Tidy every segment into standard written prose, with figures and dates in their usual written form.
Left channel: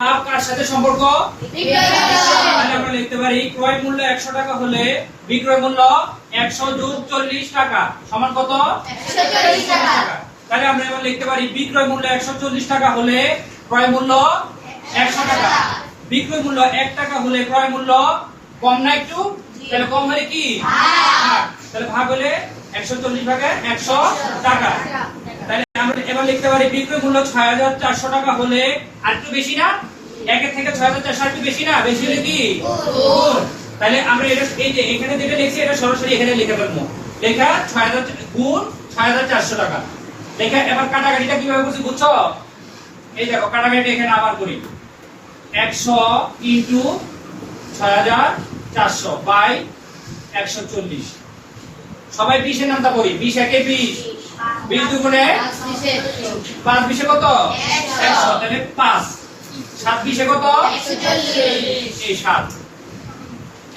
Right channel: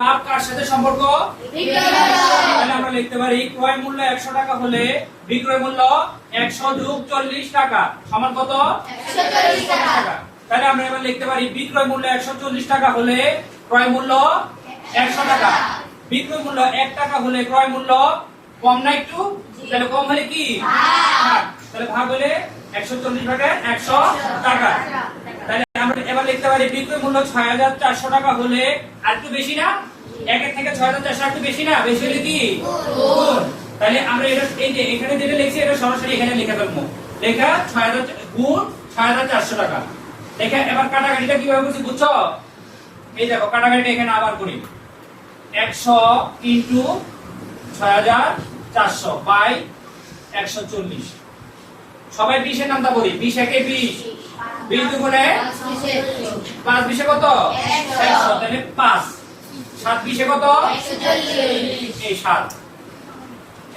লাভ কার সাথে সম্পর্ক? তাহলে আমরা লিখতে পারি ক্রয় মূল্য 100 টাকা হলে বিক্রয় মূল্য 100 যোগ 40 টাকা সমান কত? 140 টাকা। তাহলে আমরা এবার লিখতে পারি বিক্রয় মূল্য 140 টাকা হলে ক্রয় মূল্য 100 টাকা। বিক্রয় মূল্য 1 টাকা হলে ক্রয় মূল্য কম না একটু? তাহলে কম হলে কি ভাগ, তাহলে ভাগ হলে 140 ভাগে 100 টাকা। তাহলে আমরা এবার লিখতে পারি বিক্রয় মূল্য 6400 টাকা হলে আর একটু বেশি না? 1 এর থেকে 6400 একটু বেশি না? বেশি হলে কি গুণ। তাহলে আমরা এটা এই যে এখানে যেটা লিখছি এটা সরাসরি এখানে লিখে ফেলবো। লেখা 6000 গুণ 6400 টাকা। দেখে এবার কাটাকাটিটা কিভাবে করছি বুঝছো? এই দেখো কাটাকাটিটা এখানে আবার করি। 100 ইনটু 6400 বাই 140। সবাই 20 এর নামটা পড়ি। 20 একে 20, 20 দুগুণে 5, 20 এ কত? 100। তাহলে 5, 7 20 এ কত? 140। এই 7।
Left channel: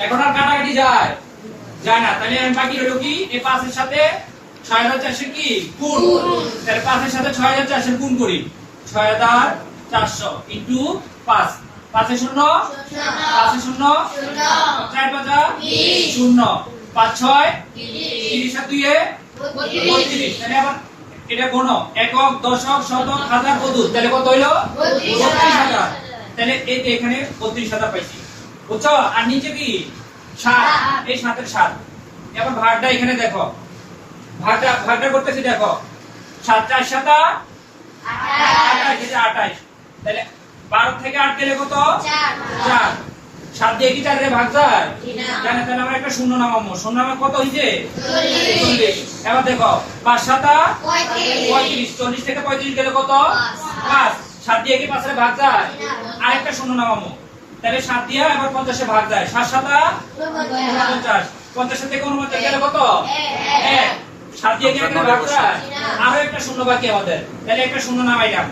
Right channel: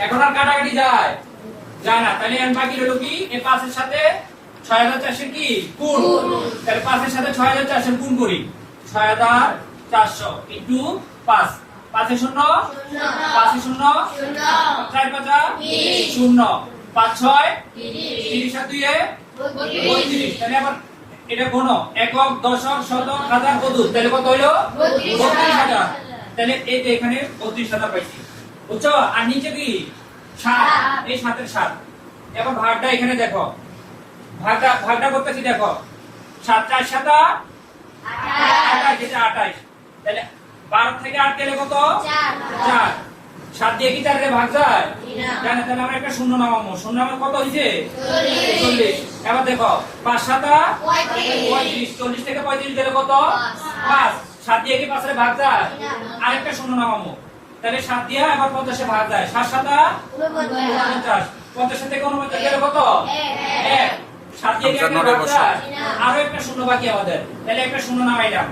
এখন আর কাটাকাটি যায় না। তাহলে আমি বাকি রইল কি? এই 5 এর সাথে 6400 কি গুণ। তাহলে 5 এর সাথে 6400 গুণ করি। 6400 ইনটু 5। 5 এ 0, 5 এ 0, 4 5 0, 5 6 30 আর 2 এ 32। তাহলে আবার এটা কোন একক, দশক, শতক, হাজার, পদক। তাহলে কত হইলো? 32000। তাহলে এই যে এখানে 32000 পাইছি। বুঝছো? আর নিচে কি 7, এই 7 এর 7। এবার ভাগটা এখানে দেখো। ভাগটা করতেছি দেখো। 7 4 7 28, এটা 28। তাহলে 12 থেকে 8 গেলে কত? 4। 7 দিয়ে কি 4 রে ভাগ যায়? জানা। তাহলে আমরা একটা শূন্য নামাবো। শূন্য নামা কত হইছে? 40। এবার দেখো 5 7 35। 40 থেকে 35 গেলে কত? 5। 7 দিয়ে কি 5 রে ভাগ যায়? আরেকটা শূন্য নামাবো। তাহলে 7 দিয়ে আবার 50 এ ভাগ যায়। 7 7 49। 50 থেকে 49 গেলে কত? 1। 7 দিয়ে কি একটা ভাগ যায়? আরো একটা শূন্য বাকি আমাদের। তাহলে একটা শূন্য নামাইলাম।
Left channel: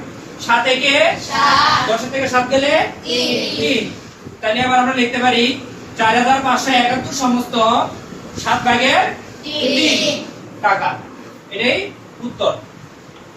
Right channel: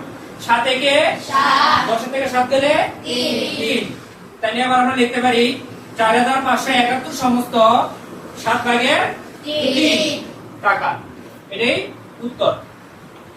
7 থেকে 7, 10 থেকে 7 গেলে 3। তাহলে আবার আমরা লিখতে পারি 4571 সমস্ত 7 ভাগের 3 টাকা। এটাই উত্তর।